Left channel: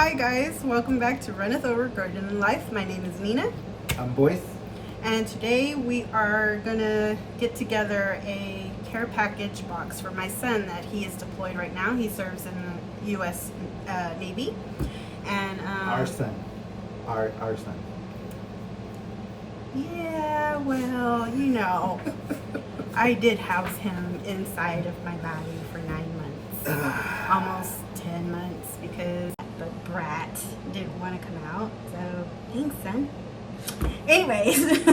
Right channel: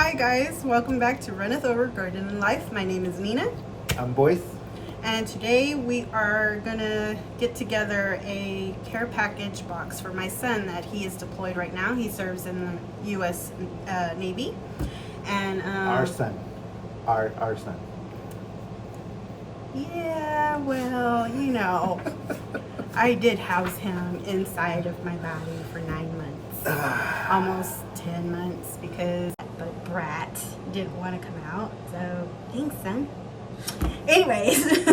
Hi guys, welcome back to Runneth Over Garden Life. My name is Nina. I'm Boyce. And today we are gonna get together a care package box for my son that he is deployed right now. He serves in the U.S. Navy. And Our son. Our son. Yeah, well, you know, I did house him inside of my body for 9 months. Almost 10 months because but Brat didn't want to come out. So thanks, son. Anyways,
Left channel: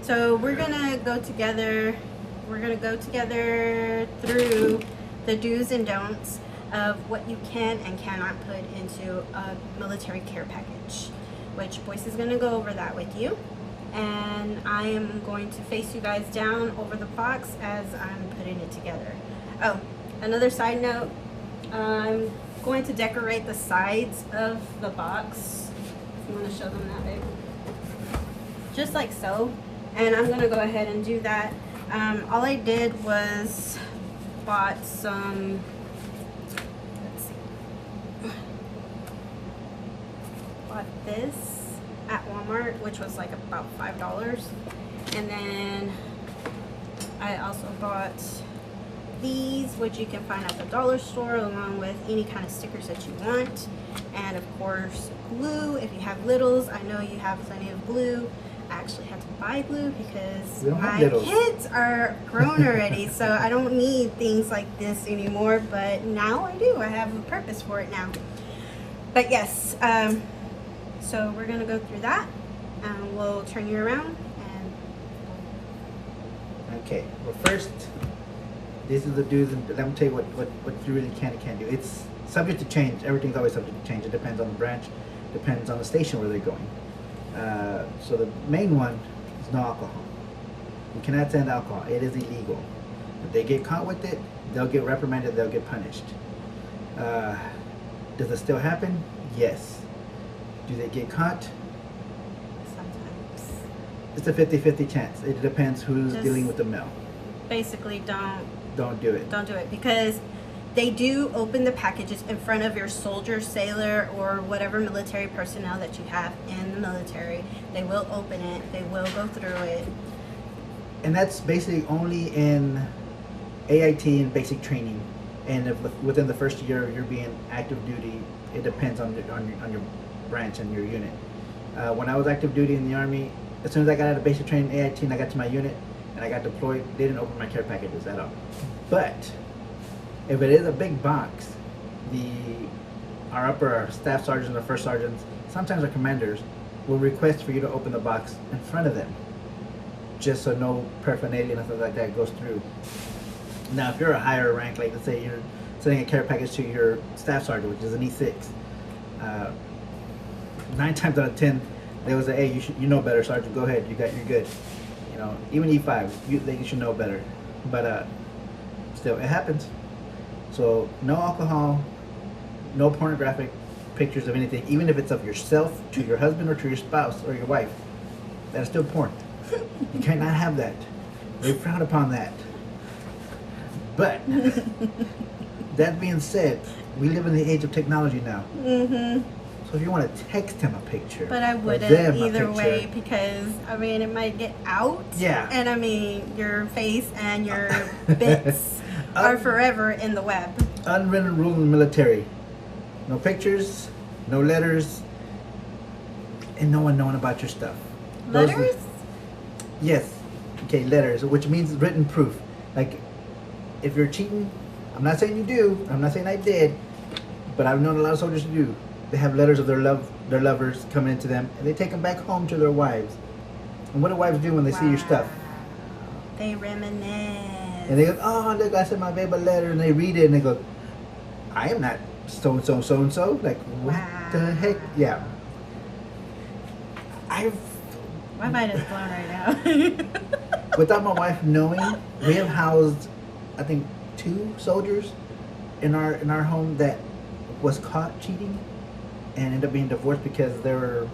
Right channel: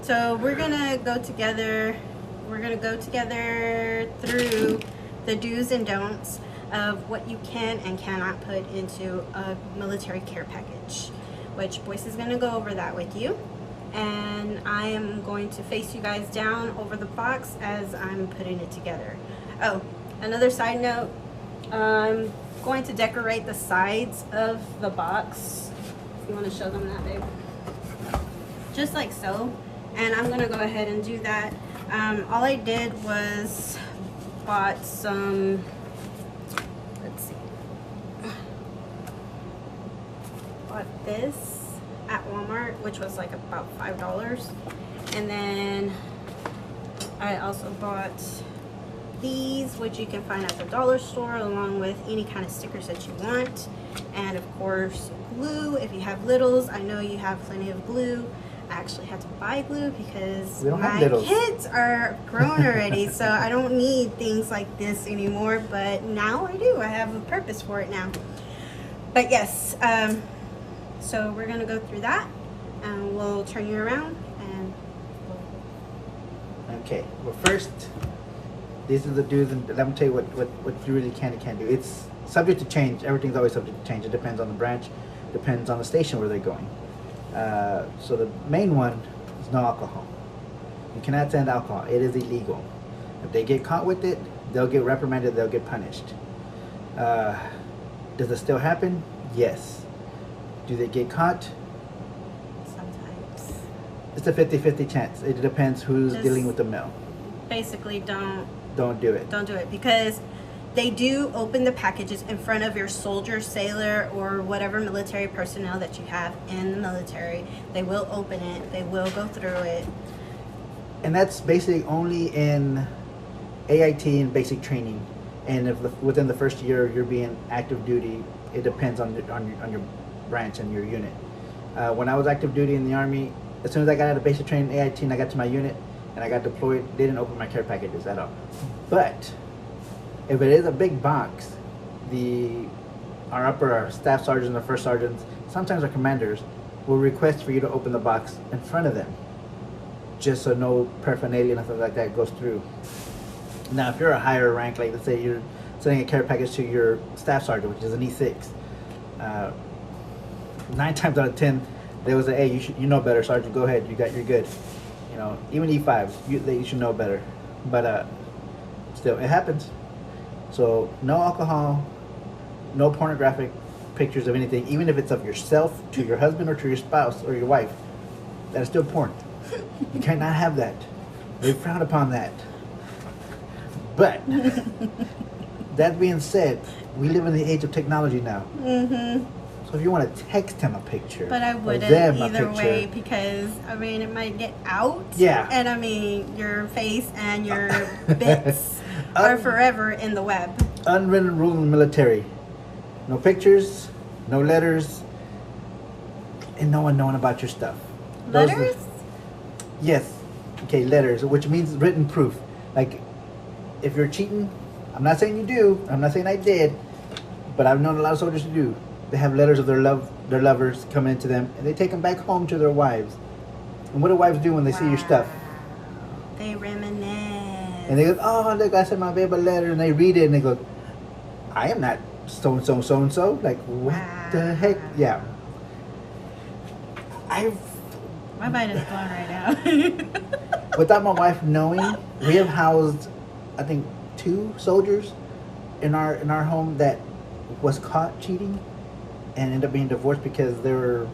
so we're gonna go together. We're gonna go together through the do's and don'ts of what you can and cannot put into a military care package, which Boyce is gonna go over that with you. And I am going to face you guys down over the box as I'm putting it together. Oh, another side note, I'm going to decorate the sides of the box. If you want to show them that, babe. Just like so. And I'm going to go ahead and do that. All I did was bought some, let's see, bought this at Walmart, which was like about $5. And then I also bought these, which you can find at the dollar store, along with any kind of stickers that you want. And of course, glue. If you have littles, I know you have plenty of glue. I actually had to buy glue because my kids are grown already, so I don't need things like this anymore, but now I do. I have a purpose for it now. But yes, so we're gonna go through that and we'll turn you around and Okay, well first, these are the do's, and let me tell you what you really can and can't do. It's subject to change. Everything's always subject to change. It depends on the branch, depends on the station where they're going. So the main one is no alcohol. You cannot send alcohol. It is illegal. If they get caught with it, they'll get reprimanded, they'll get punished. Does it still happen? Yes. Do they get caught? sometimes. It's a 50-50 chance. It depends who's dealing with the mail. Basically, Don't do it. don't do it, because they do open the packages in front of your soldier, sailor, or whatever military personnel that you have in the military. They will open it. They will go through it. And that's basically only in AIT and basic training. And if within the first year you're being active duty, it depends on your branch and your unit. When I was active duty in the Army, as soon as I got out of basic training AIT and I got to my unit and I got deployed, they didn't open my care packages at all. But if it is a big box, our staff sergeants or first sergeants, sometimes our commanders, will request for you to open the box in front of them, just so no paraphernalia, nothing like that goes through. Now, if you're a higher rank, like let's say you're sending a care package to your staff sergeant, which is an E6, 9 times out of 10, they will say, "Hey, you know better, Sergeant. Go ahead. You're good." You know, even E5, you should know better. But still, it happens. So no alcohol, no pornographic pictures of anything, even if it's of yourself to your husband or to your spouse or your wife. That is still porn. You cannot have that. They frown upon that. But that being said, we live in the age of technology now. So if you want to text him a picture, But I wouldn't either way, because I mean it might get out. Yeah. And I mean your face and your bits are forever in the web. Unwritten rule in the military: no pictures, no letters, and no one knowing about your stuff. Letters? Yes. Okay, letters, which means written proof. Like, if you're cheating, I'm not saying you do. I'm not saying I did, but I've known a lot of soldiers who do. They have letters of their lovers coming into them, and they take them back home to their wives. And what do wives do when they see your stuff? They reminisce. And they go, "Oh, look, I sent my babe a letter," and they read it, and they go, "I am not so and so, so and so." Like, what the heck? Yeah. My mind is blown right now. Without my wife knowing, we have housed, I think, 2 soldiers in our home that was caught cheating and ended up being divorced because they were...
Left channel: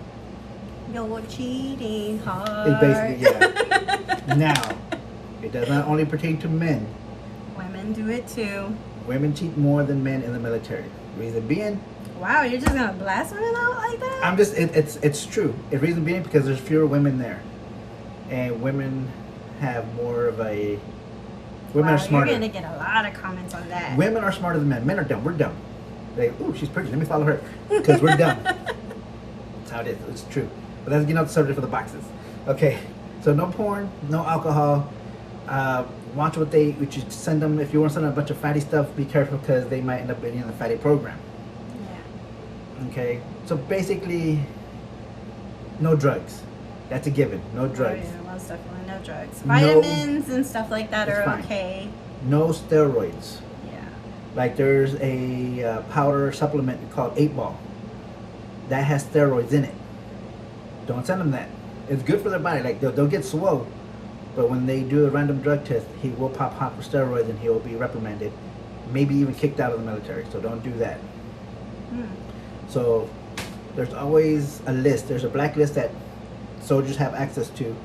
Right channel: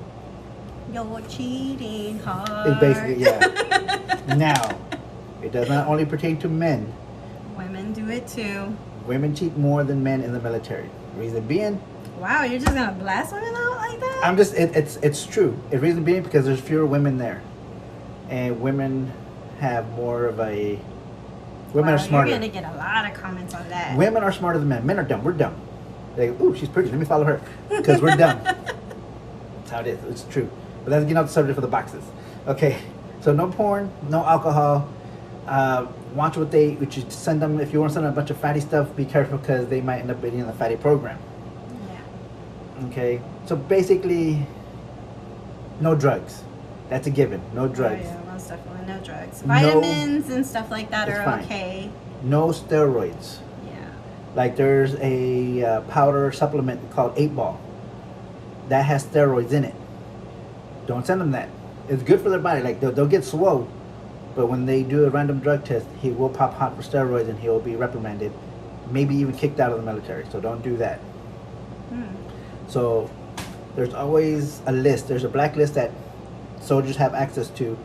You're cheating hard. Basically, yeah. Now, it does not only pertain to men. Women do it too. Women cheat more than men in the military. Reason being, Wow, you're just gonna blast women out like that? I'm just, it's true. The reason being because there's fewer women there. And women have more of a, women Wow, are smarter. You're gonna get a lot of comments on that. Women are smarter than men. Men are dumb. We're dumb. They, ooh, she's pretty. Let me follow her. Because we're dumb. That's how it is. It's true. But that's getting off the subject for the boxes. Okay. So no porn, no alcohol. Watch what you send them. If you want to send them a bunch of fatty stuff, be careful because they might end up being in the fatty program. Yeah. Okay. So basically, no drugs. That's a given. No drugs. Oh, yeah, most definitely no drugs. Vitamins and stuff like that are fine. okay. No steroids. Yeah. Like there's a powder supplement called 8 Ball that has steroids in it. Don't send them that. It's good for their body. Like they'll get swole, but when they do a random drug test, he will pop hot for steroids and he will be reprimanded, maybe even kicked out of the military. So don't do that. So there's always a list. There's a blacklist that soldiers have access to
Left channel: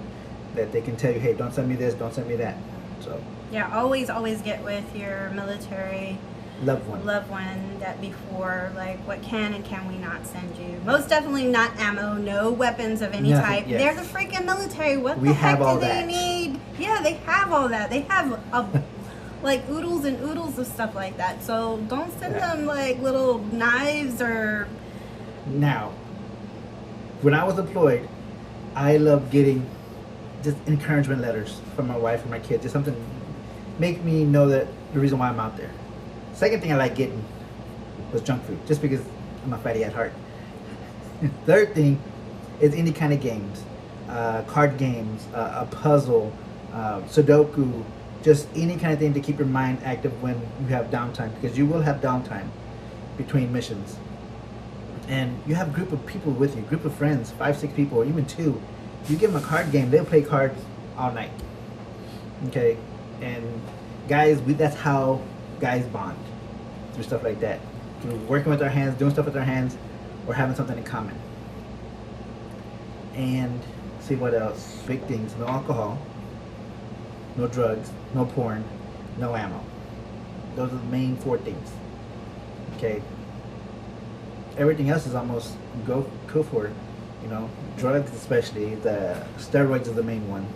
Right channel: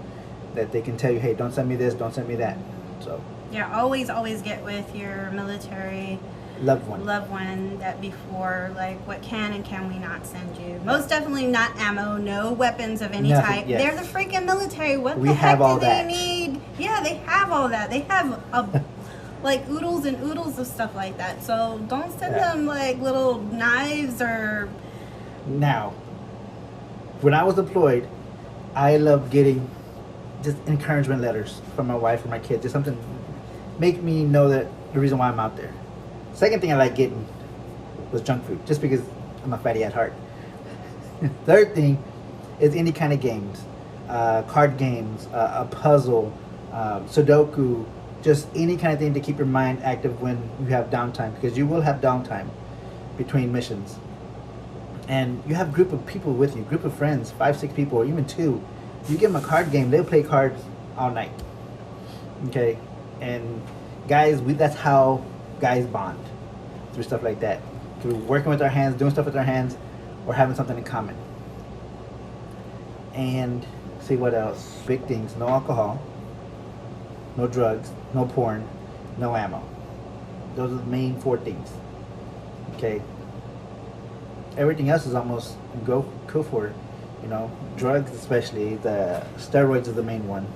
that they can tell you, hey, don't send me this, don't send me that. So yeah, always get with your military loved one that before, like, what can and can we not send you. Most definitely not ammo, no weapons of any Nothing, type. yes. They're the freaking military. What We the have heck all do they that. need? Yeah, they have all that. They have like oodles and oodles of stuff like that. So don't send them like little knives or. Now, when I was deployed, I loved getting just encouragement letters from my wife or my kids. Just something make me know that the reason why I'm out there. Second thing I like getting was junk food, just because I'm a fatty at heart. Third thing is any kind of games, card games, a puzzle, Sudoku, just any kind of thing to keep your mind active when you have downtime, because you will have downtime between missions. And you have a group of people with you, group of friends, 5, 6 people, or even 2. You give them a card game, they'll play cards all night. Okay? And guys, that's how guys bond, through stuff like that. Through working with our hands, doing stuff with our hands, or having something in common. And see what else. Big things. No alcohol, no drugs, no porn, no ammo. Those are the main 4 things. Okay? Everything else is almost go for it. You know, drugs especially, the steroids is the main one.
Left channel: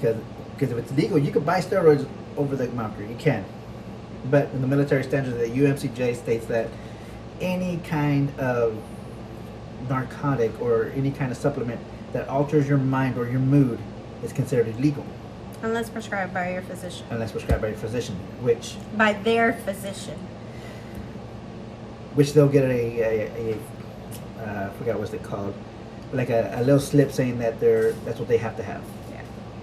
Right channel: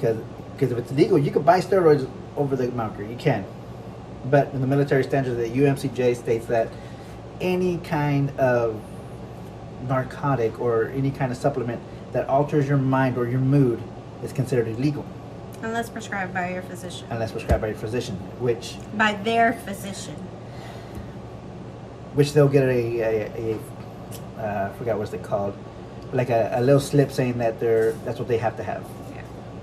Because if it's legal, you can buy steroids over the counter. You can. But in the military standards, the UMCJ states that any kind of narcotic or any kind of supplement that alters your mind or your mood is considered illegal. Unless prescribed by your physician. Unless prescribed by your physician, which By their physician. they'll get I forgot what's it called, like a little slip saying that that's what they have to have. Yeah.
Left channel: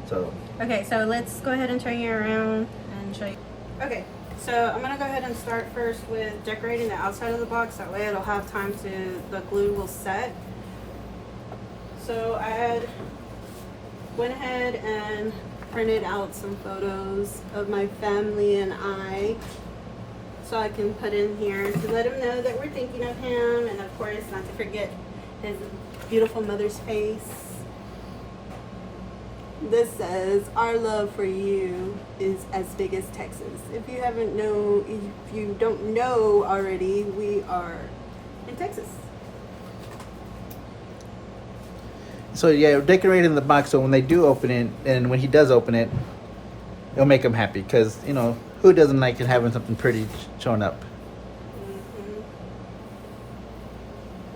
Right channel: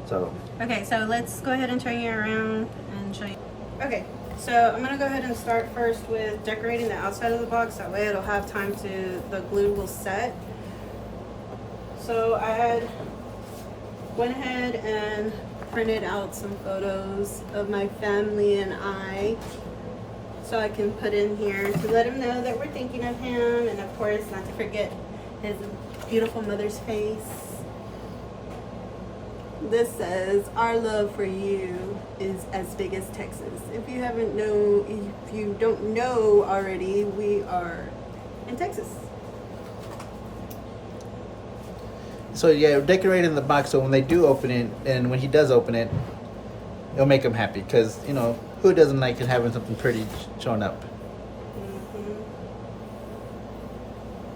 So Okay, so let's go ahead and turn you around and show you. Okay, so I'm gonna go ahead and start first with decorating the outside of the box. That way it'll have time the glue will set. So I went ahead and printed out some photos of my family and I, so I can put in here to let him know that we're thinking of him, and of course not to forget his beautiful mother's face. This says, "Our love for you is as big as Texas." If you don't know already, we are in Texas. So yeah, decorating the box so when they do open it, and when he does open it, it'll make him happy, because who doesn't like having something pretty showing up? Mm-hmm.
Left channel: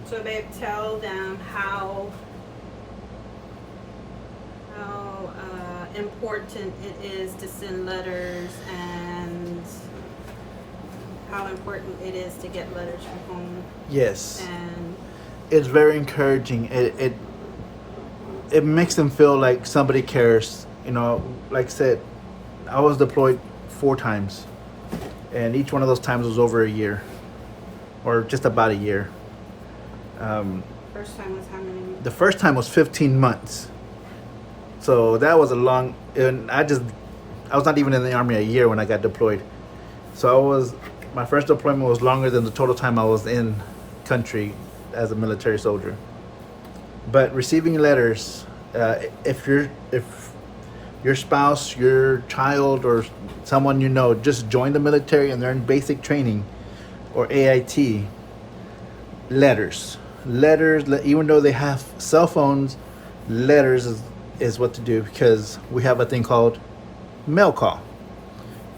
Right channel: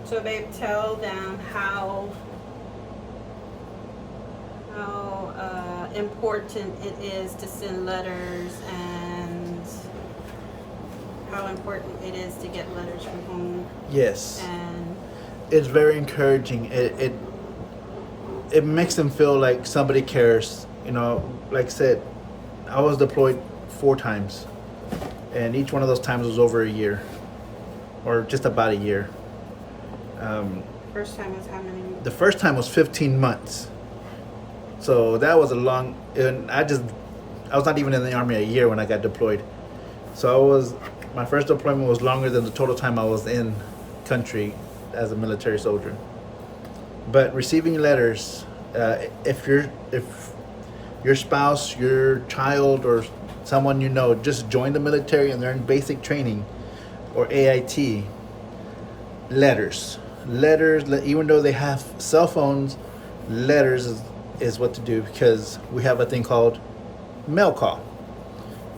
So babe, tell them how important it is to send letters, and how important it is to get letters from home. Yes, And it's very encouraging. It makes them feel like somebody cares. Like I said, I was deployed 4 times, and each one of those times was over a year, or just about a year. first time was how many? The first time was 15 months. So that was a long, and I was not even in the Army a year when I got deployed. So my first deployment was longer than the total time I was in country as a military soldier. But receiving letters, if your spouse, your child, or someone just joined the military and they're in basic training or AIT, letters. Even though they have cell phones, letters is what to do, because we have a thing called mail call.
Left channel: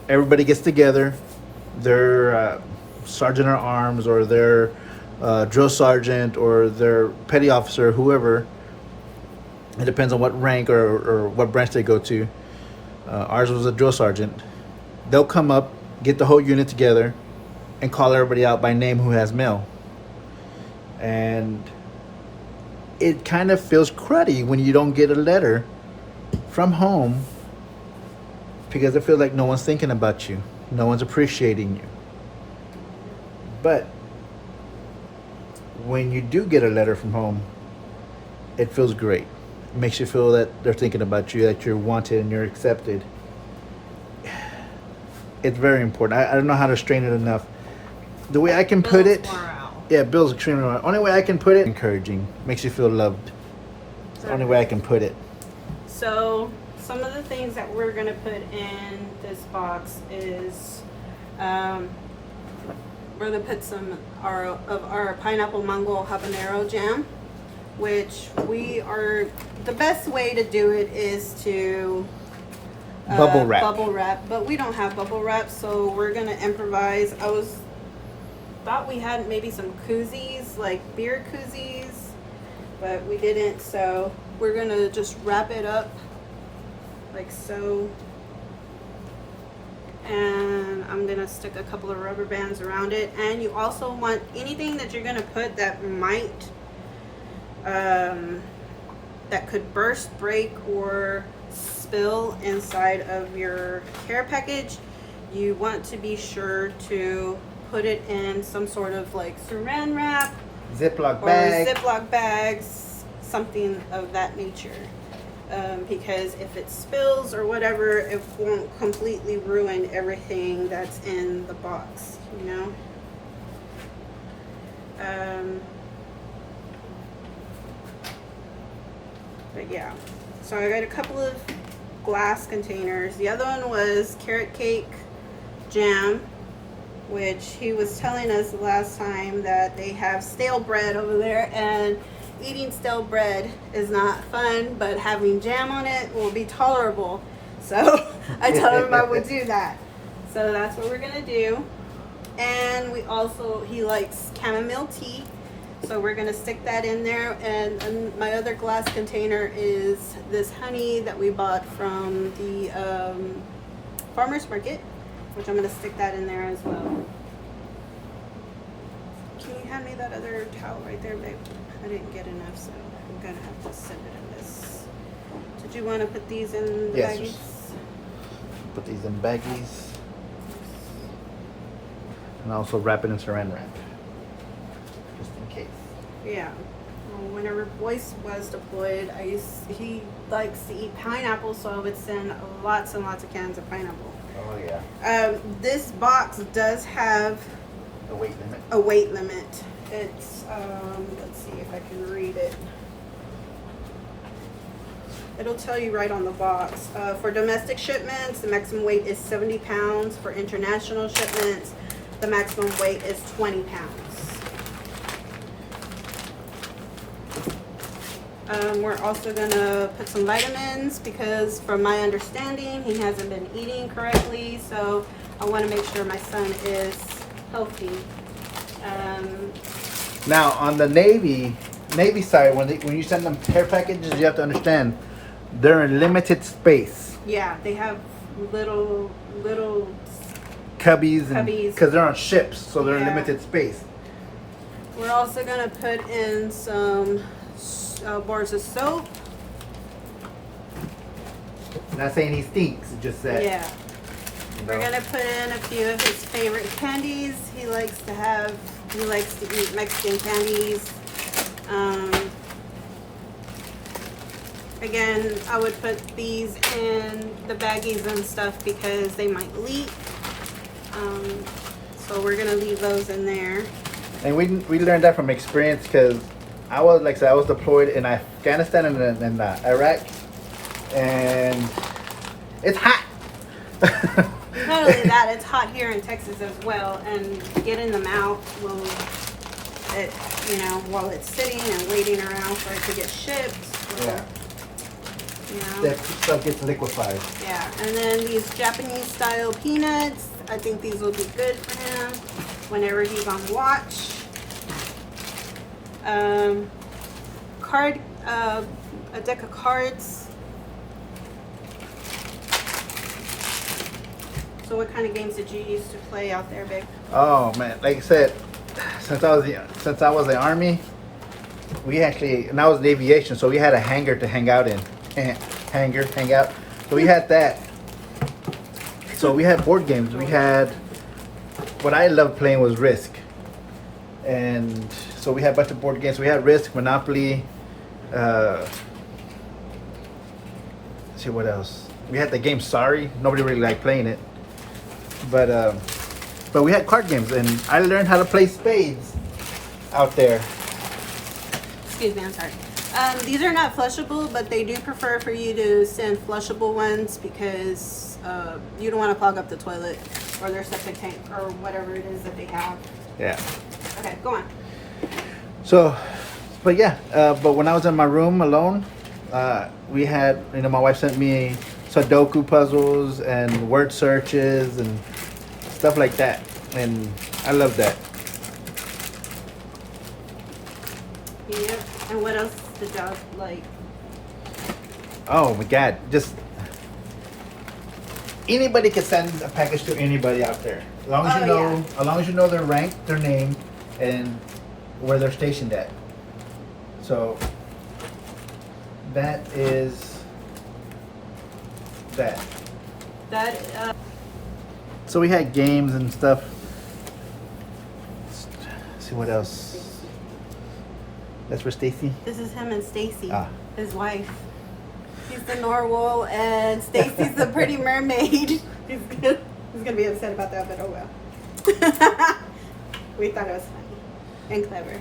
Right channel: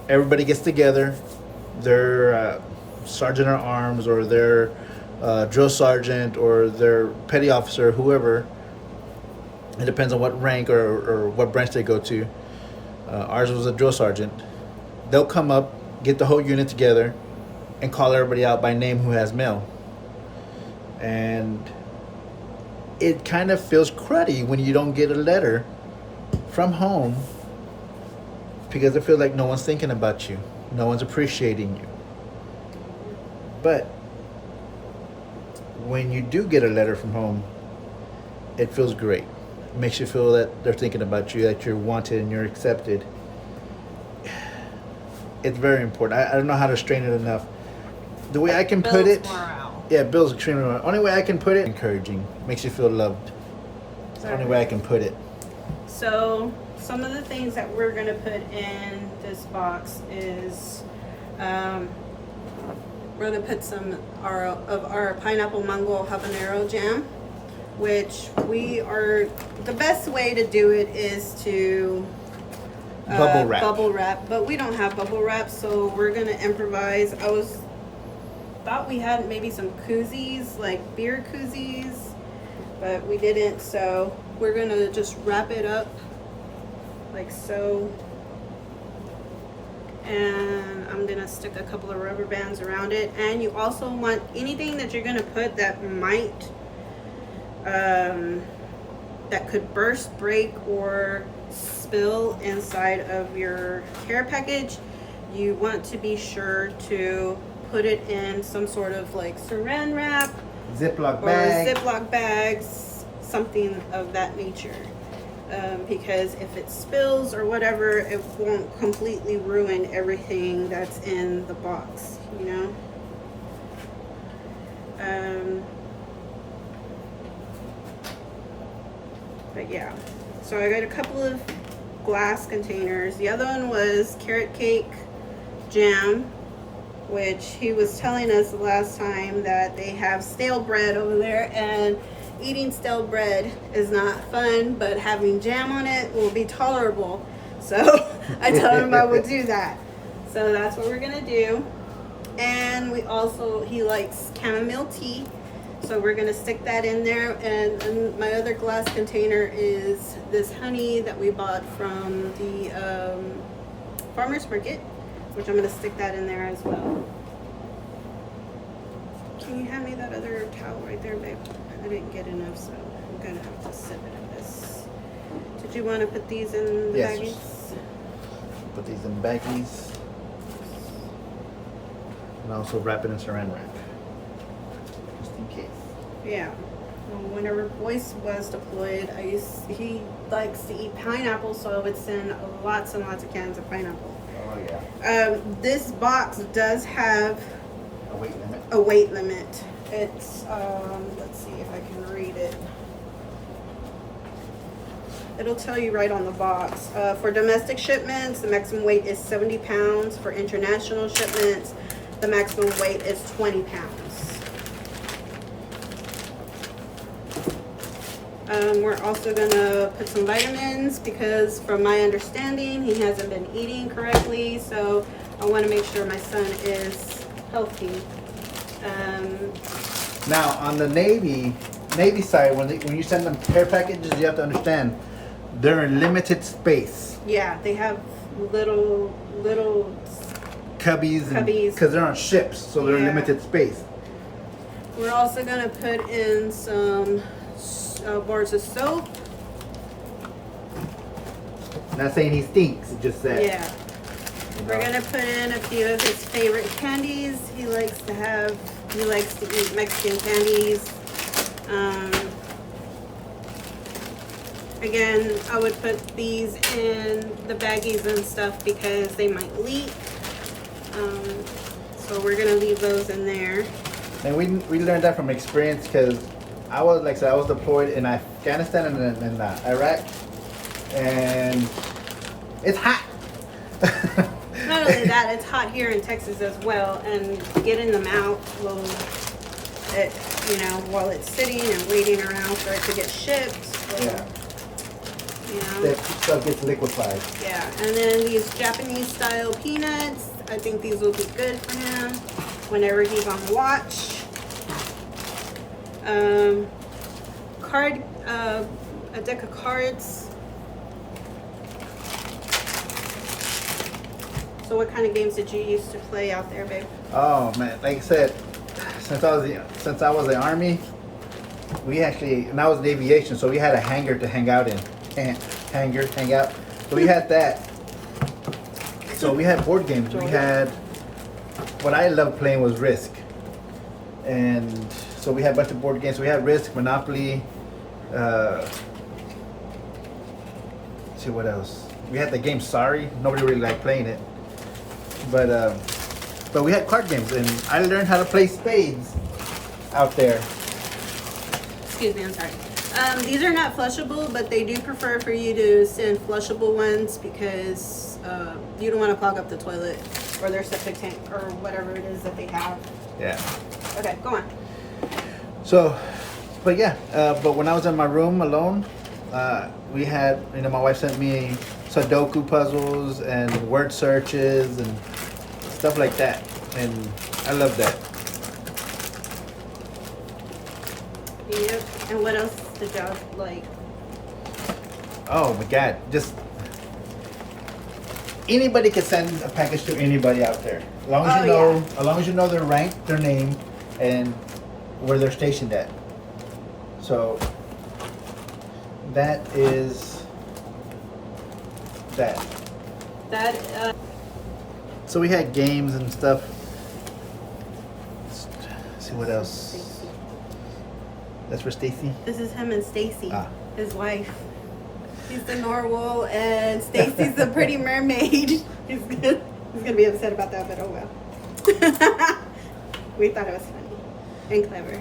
Everybody gets together, their sergeant at arms or their drill sergeant or their petty officer, whoever. It depends on what rank or what branch they go to. Ours was a drill sergeant. They'll come up, get the whole unit together, and call everybody out by name who has mail. And it kind of feels cruddy when you don't get a letter from home, because it feels like no one's thinking about you, no one's appreciating you. But when you do get a letter from home, it feels great. It makes you feel that they're thinking about you, that you're wanted and you're accepted. It's very important. I don't know how to strain it enough. The way I can put it, yeah, Bill's extremely right. Only way I can put it, encouraging, makes you feel loved. It's the only way I can put it. So some of the things that we're gonna put in this box is we're gonna put some of our pineapple mango habanero jam, which the best way to do it is to bubble wrap, but we don't have bubble wrap, so we're gonna improvise. Thought we had maybe some koozies, like beer koozies, but we didn't, so we're gonna just wrap it up like so, and I'm gonna stick a couple of rubber bands around it. And you also want anything that you're gonna put that might that could burst, break, or spill inside of your care package, you want to be sure to put it in some sort of like saran wrap, Ziploc bags, something of that nature. Because if it spills or whatever, it won't completely ruin everything that's in the box, you know? But yeah, so I got a couple of glass containers. The other one was carrot cake jam, which he was telling us the last time that they have stale bread over there, and eating stale bread is not fun, but having jam on it will be tolerable. So I told him I would do that. So that's what we're gonna do. And he likes chamomile tea, so we're gonna stick that in there. And my other glass container is this honey that we bought from the farmer's market, which I'm gonna stick that in there as well. Can you hand me that other towel right there, babe? I didn't get enough, so I'm gonna have to send it in this. Did you want to put these in the baggies? Put these in baggies. And also wrap it in saran wrap, just in case. Yeah. Well, whenever Boyce was deployed, he likes to eat pineapple, so I would send lots and lots of cans of pineapple. Oh yeah. This box does have a weight limit. It's let's see if I can read it. It'll tell you right on the box. For domestic shipments, the maximum weight is 70 pounds. For international shipments, the maximum weight is 20 pounds. We're also gonna put some vitamins, because from my understanding, he hasn't been eating correctly, so I wanna make sure my son is healthy. Now on the Navy side, when you send them care packages, you have to understand they're in limited space. Yeah, they have little cubbies, Cubbies. Because they're on ships, so they're in Yeah. limited space. We're also gonna put in some bars of soap. Not saying he stinks, it just that. Yeah. We're gonna put in a few of his favorite candies. He likes to eat Mexican candies. Again, I would put these in the baggies and stuff because they might leak. So we're gonna leave those in there. And we learned that from experience, because I was deployed in Afghanistan and in Iraq, and it's hot. Not only that, it's hot here in Texas as well, and getting them out will it, you know, while it's sitting and waiting around for it to get shipped. So, Yeah. you know. That stuff gets liquefied. Yeah, and then these Japanese style peanuts. I think these will be good for him whenever he's on watch. A deck of cards. So what kind of games did you used to play out there, babe? Oh man, like I said, since I was in the Army, we actually, and I was in aviation, so we had a hangar to hang out in. Hang out. So we had that. So we had board games. We had, what I loved playing was Risk. And so we had a bunch of board games. We had Risk, Monopoly, let's see what else. We had the game Sorry. Nobody really liked playing it. But we had card games, and I learned how to play spades out there. Excuse me, I'm sorry. These are not flushable, but they do prefer for you to send flushable ones because you don't want to clog up the toilet or their septic tank or whatever it is that they have. Yeah. Okay, go on. So, but yeah, but when I was in my room alone, we had, you know, my wife sent me Sudoku puzzles and word searches and stuff like that, and I love that. Yep. And what else did y'all like? Oh my God, just anybody can send a package to anybody out there, as long as as long as you know their rank, their name, and where they're stationed at. So that is that. That So we had games and stuff. Let's see what else. That's for Stacy. this is him and Stacy, Ah. his wife. He's the narwhal and Stacy's the pretty mermaid. He's gonna be upset about that, but oh well. We thought it was funny and clever.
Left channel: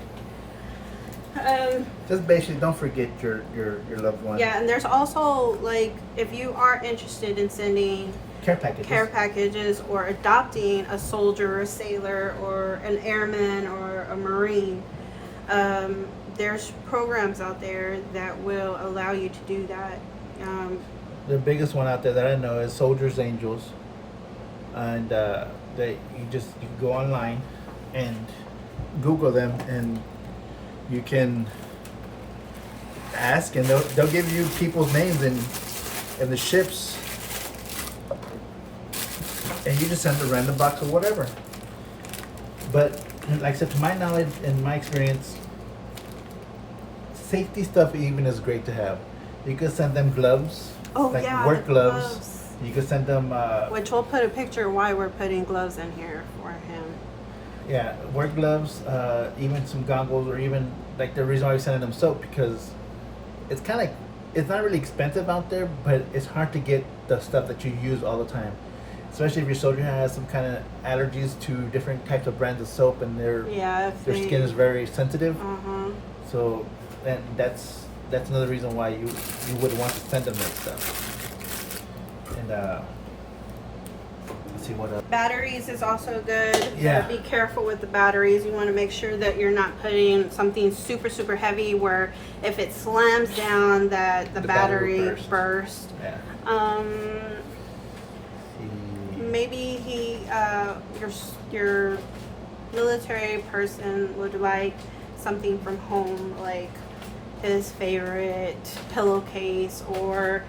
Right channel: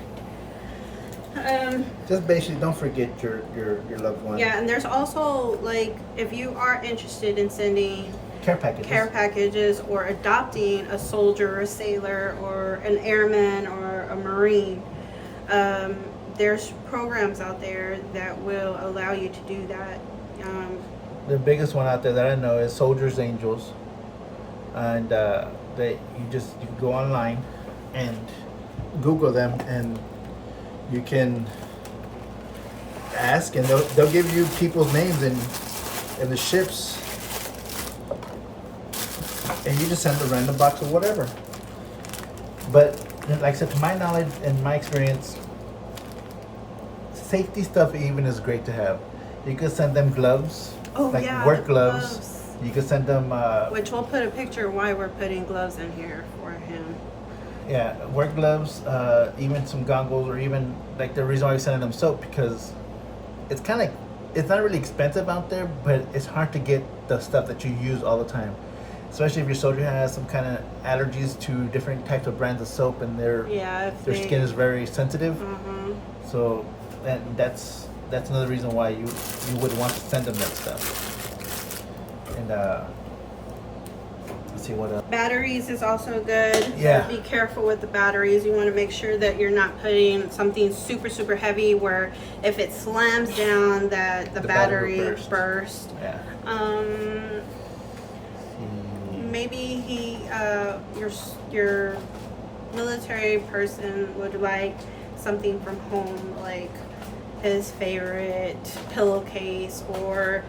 Just basically, don't forget your loved one. Yeah, and there's also, like, if you are interested in sending Care packages. or adopting a soldier or a sailor or an airman or a Marine, there's programs out there that will allow you to do that. The biggest one out there that I know is Soldiers Angels, and they you can go online and Google them, and you can ask, and they'll give you people's names and the ships, and you just send a random box or whatever. But like I said, to my knowledge and my experience, safety stuff even is great to have. You could send them gloves, work gloves. You could send them Which we'll put a picture why we're putting gloves in here for him. yeah, work gloves, even some goggles, or even like the reason why we sending them soap, because it's not really expensive out there, but it's hard to get the stuff that you use all the time. Especially if your soldier has some kind of allergies to different types of brands of soap, and their skin is very sensitive. So, and that's another reason why you would want to send them that stuff. And let's see what else. Batteries is also good. Yeah. Be careful with the batteries. You want to make sure that you're not putting something super, super heavy where if it slams down that the battery will burst. Yeah. Maybe your military person would like something from home, like his favorite pillowcase, or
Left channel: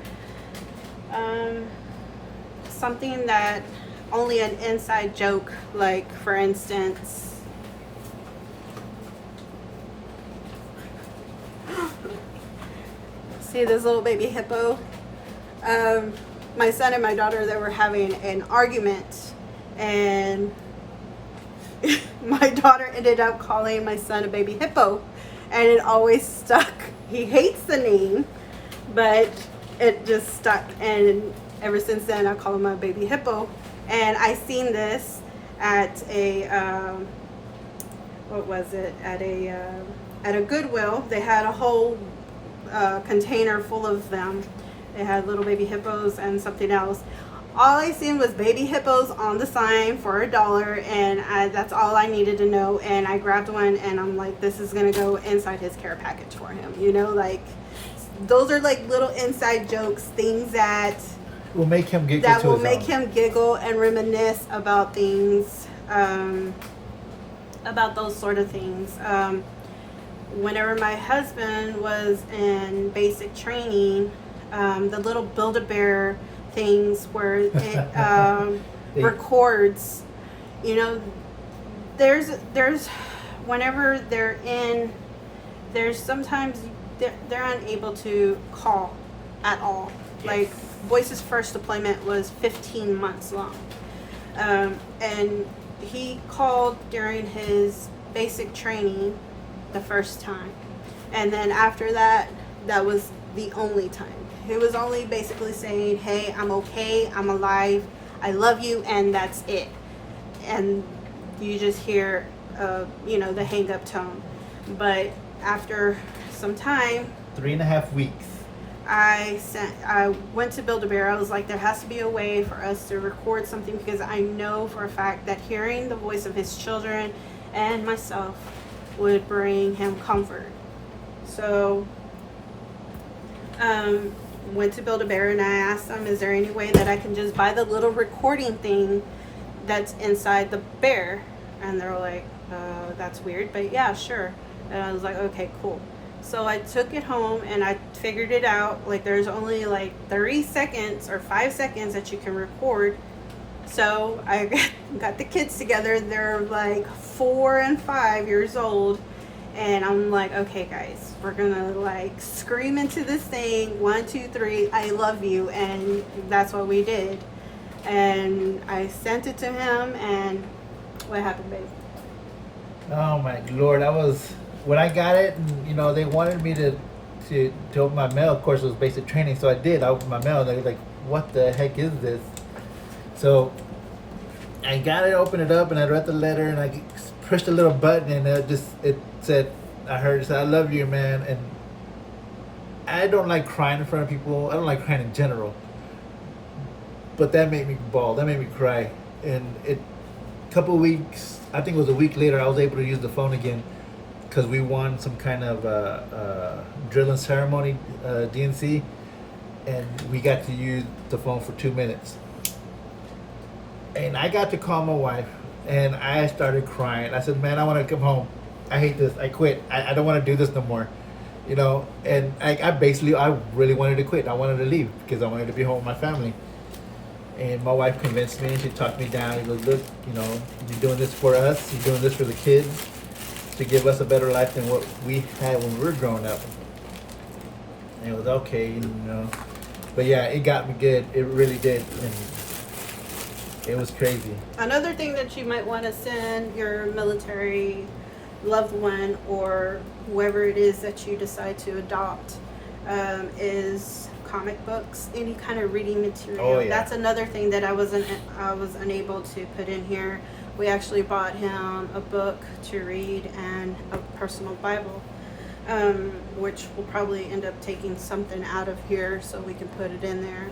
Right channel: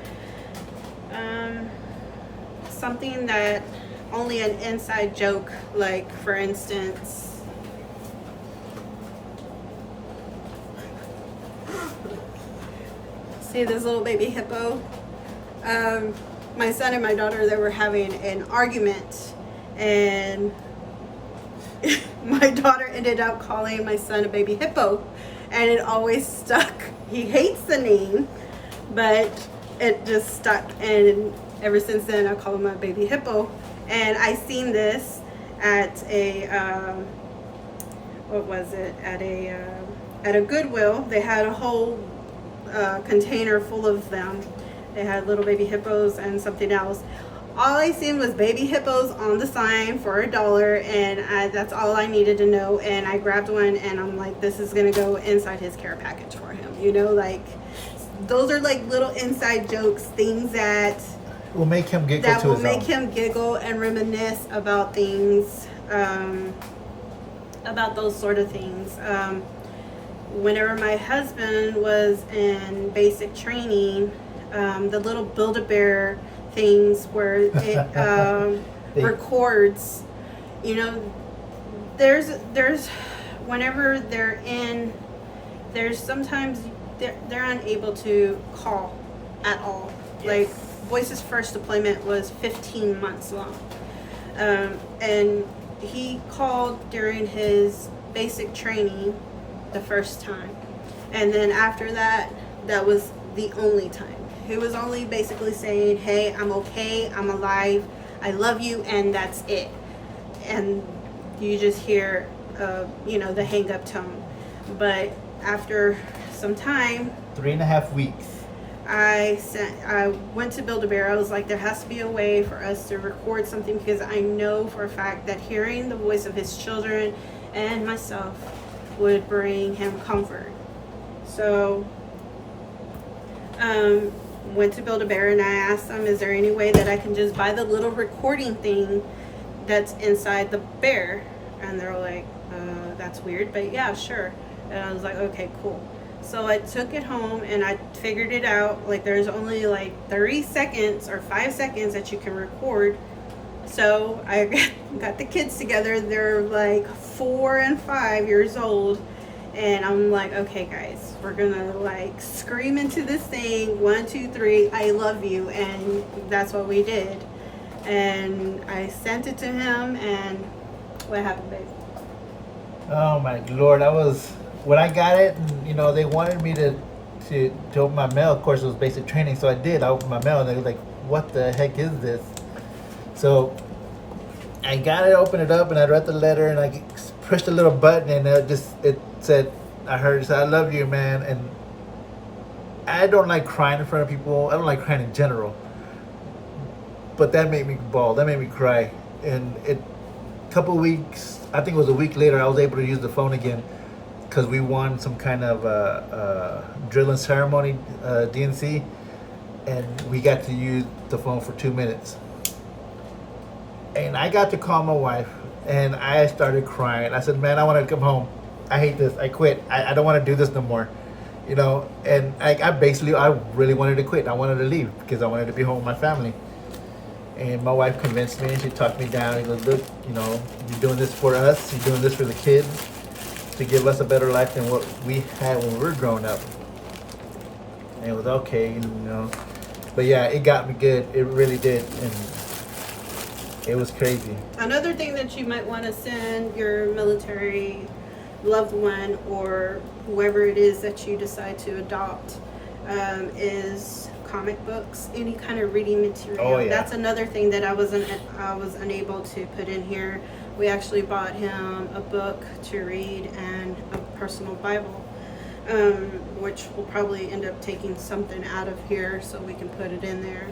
something that only an inside joke, like for instance, see this little baby hippo? My son and my daughter, they were having an argument, and my daughter ended up calling my son a baby hippo, and it always stuck. He hates the name, but it just stuck, and ever since then I call him a baby hippo. And I seen this at a at a Goodwill. They had a whole container full of them. They had little baby hippos and something else. all I seen was baby hippos on the sign for $1, and that's all I needed to know. And I grabbed one, and I'm like, this is gonna go inside his care package for him. You know, like those are like little inside jokes, things that will make him giggle. That will make him giggle and reminisce about things, about those sort of things. Whenever my husband was in basic training, the little Build-A-Bear things where it records, you know, there's whenever they're in, there's sometimes they're unable to call at all. Yes. Like Boyce's first deployment was 15 months long, and he called during his basic training the first time, and then after that, that was the only time. He was only basically saying, hey, I'm okay, I'm alive, I love you, and that's it. And you just hear you know, the hang up tone. But after some time, 3.5 weeks, I went to Build-A-Bear. I was like, there has to be a way for us to record something, because I know for a fact that hearing the voice of his children and myself would bring him comfort. So went to Build-A-Bear, and I asked them, is there any way that I can just buy the little recording thing that's inside the bear? And they're like, that's weird, but yeah, sure. And I was like, okay, cool. So I took it home, and I figured it out. Like, there's only like 30 seconds or 5 seconds that you can record. So I got the kids together. They're like 4 and 5 years old. And I'm like, okay, guys, we're gonna like scream into this thing, 1, 2, 3, I love you. And that's what we did. And I sent it to him, and what happened, babe? oh my Lord, I was, when I got it, and, you know, they wanted me to open my mail. Of course, it was basic training, so I did. I opened my mail, and they were like, what the heck is this? So I got it, opened it up, and I read the letter, and I pushed a little button, and it said, I heard it say, I love you, man. And I don't like crying in front of people. I don't like crying in general. But that made me bawl. That made me cry. And a couple weeks, I think it was a week later, I was able to use the phone again, because we won some kind of drill and ceremony, DNC, and we got to use the phone for 2 minutes. And I got to call my wife, and I started crying. I said, man, I want to come home. I hate this. I quit. I don't want to do this no more. You know, and I really wanted to quit. I wanted to leave because I wanted to be home with my family. And my wife convinced me, and she talked me down. She goes, look, you know, you're doing this for us. You're doing this for the kids to give us a better life than what we had when we were growing up. And it was okay, you know. But yeah, it got me good. It really did. And it was crazy. Another thing that you might want to send your military loved one, or whoever it is that you decide to adopt, is comic books, any kind of reading material. Oh, yeah. That's another thing that I was unable to put in here. We actually bought him a book to read and a personal Bible, which will probably end up taking something out of here so we can put it in there.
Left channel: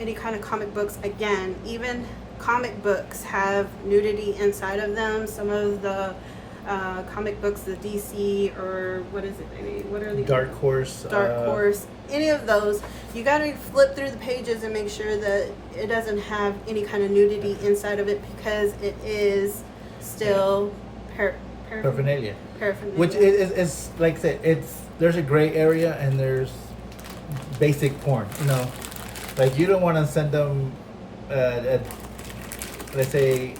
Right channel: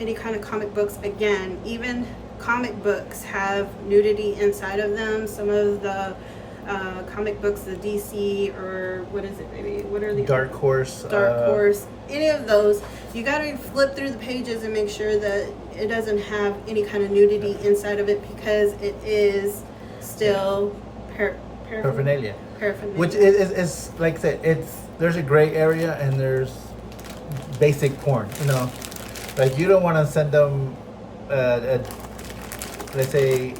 Any kind of comic books, again, even comic books have nudity inside of them. Some of the comic books, the DC, or what is it, baby? What are the Dark Horse? Any of those, you got to flip through the pages and make sure that it doesn't have any kind of nudity inside of it, because it is still Paraphernalia. Paraphernalia. Which is like I said, there's a gray area, and there's basic porn. You know, like you don't want to send them, let's say,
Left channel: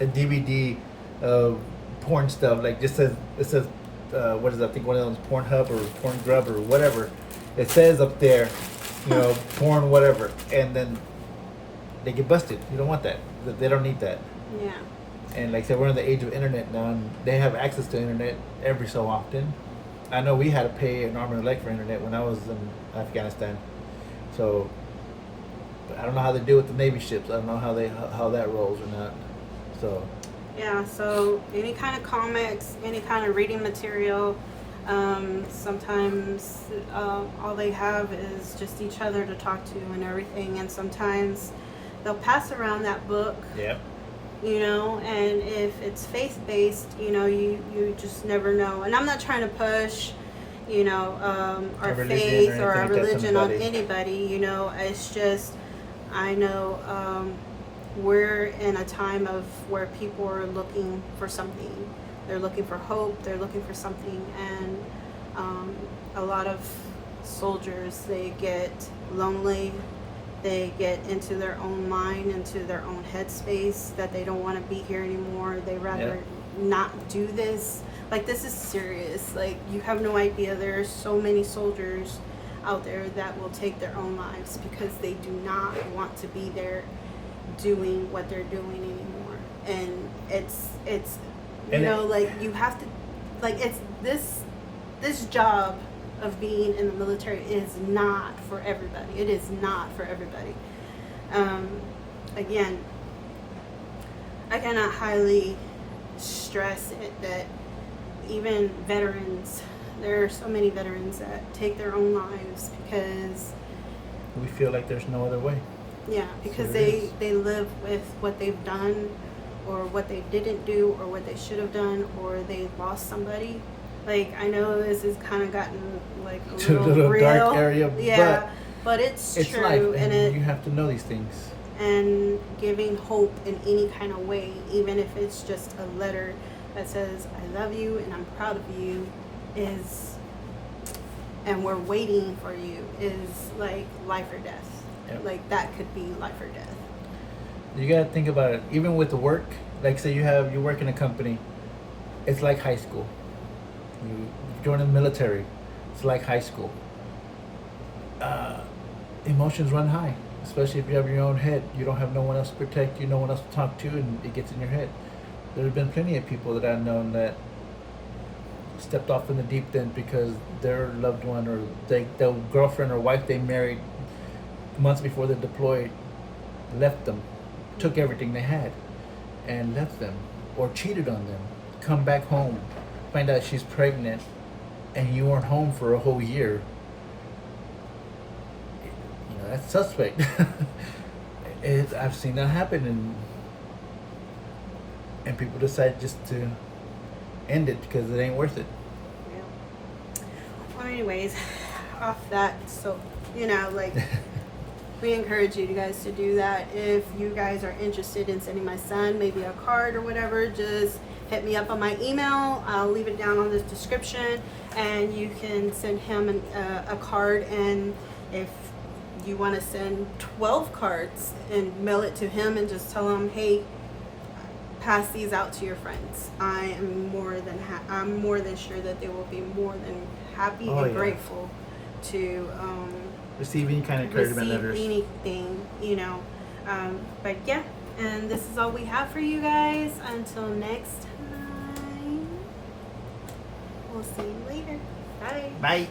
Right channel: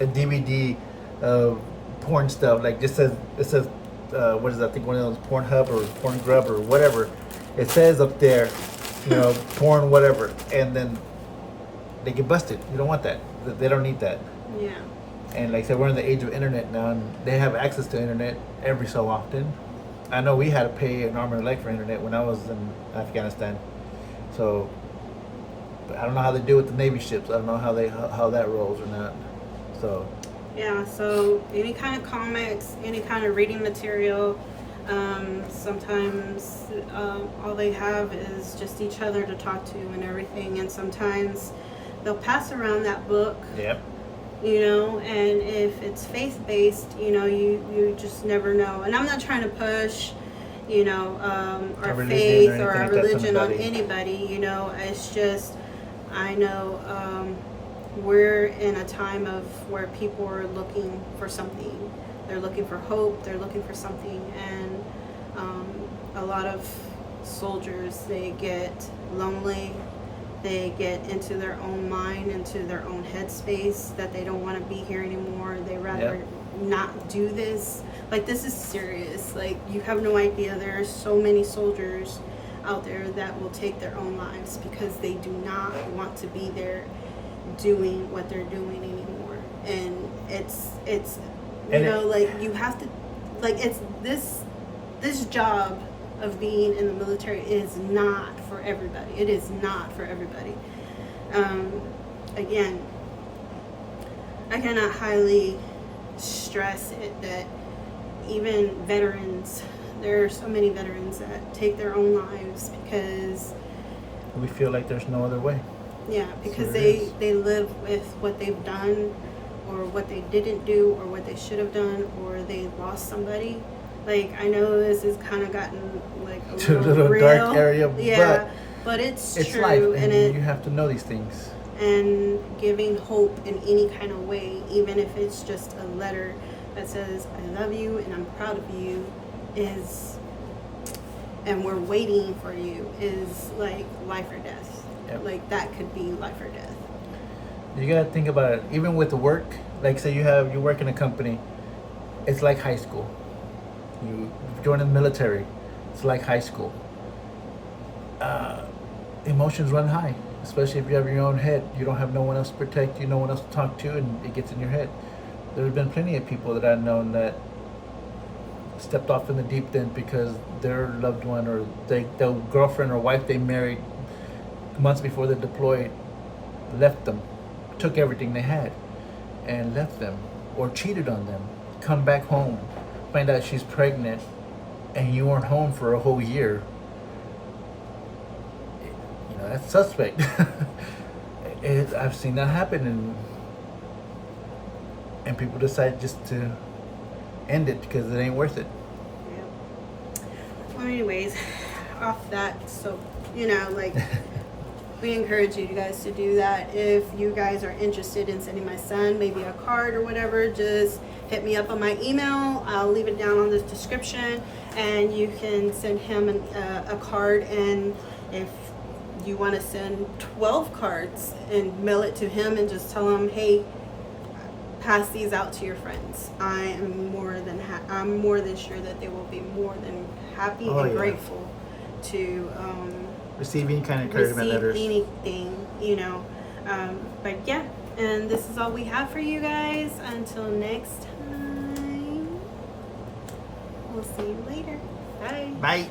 a DVD of porn stuff. Like it says what is that? I think one of those Pornhub or Porngrub or whatever. It says up there, you know, porn whatever, and then they get busted. You don't want that. They don't need that. Yeah. And like I said, we're in the age of internet now, and they have access to internet every so often. I know we had to pay an arm and a leg for internet when I was in Afghanistan. So I don't know how they do with the Navy ships. I don't know how that rolls or not. So yeah, so any kind of comics, any kind of reading material, Sometimes all they have is just each other to talk to and everything. And sometimes they'll pass around that book. Yep. You know, and if it's faith-based, you know, you just never know. And I'm not trying to push, you know, our faith or our religion on anybody, you know. It's just, I know we're in a time of where people are looking for something. They're looking for hope. They're looking for something. And a lot of soldiers, they get lonely. They get into their own mind, into their own headspace that they don't want to be here anymore. They rather not do this. Like, this is serious. Like, you have no idea. There's so many soldiers out there that will take their own lives because they do not want to be there doing what they're doing anymore. And it's you know, like, you have to, like, it's this job of being in the military is not for everybody. It is not for everybody. Again, I cannot highly stress it that even veterans, there are so many veterans that take their own lives because we feel like there's no other way. Yeah, because they live with what they've done or what they didn't do or what they should have done or they lost somebody. Like, I know this has kind of gotten like a little real, dark area, but it's true, life, and you have to know these things. And giving hope in any kind of way, even if it's just a letter that says "I love you" and "I'm proud of you," and we're waiting for you, is like life or death. Yep. Like, that could be life or death. You gotta think about it. Even with the work, like, say you work in a company, it's like high school. You join the military, it's like high school. Emotions run high, especially if you have your own head. You don't have no one else to protect you, no one else to talk to, and it gets in your head. There have been plenty of people that I've known that stepped off in the deep end because their loved one or their girlfriend or wife they married months before they deployed left them, took everything they had and left them, or cheated on them, come back home, find out she's pregnant, and you weren't home for a whole year. You know, that's suspect. I've seen that happen, and people decide just to end it because it ain't worth it. Yeah. Well, anyways, off that, so, you know, like, we encourage you guys to do that. If you guys are interested in sending my son maybe a card or whatever, just hit me up on my email. I'll leave it down on the description, and you can send him a card. And if you want to send 12 cards and mail it to him and just tell him, hey, pass these out to your friends, I am more than sure that they will be more than happy and grateful to receive any kind of encouragement letters. Anything, you know. But yeah, and this is all we have for you guys. Until next time, we'll see you later. Bye. Bye.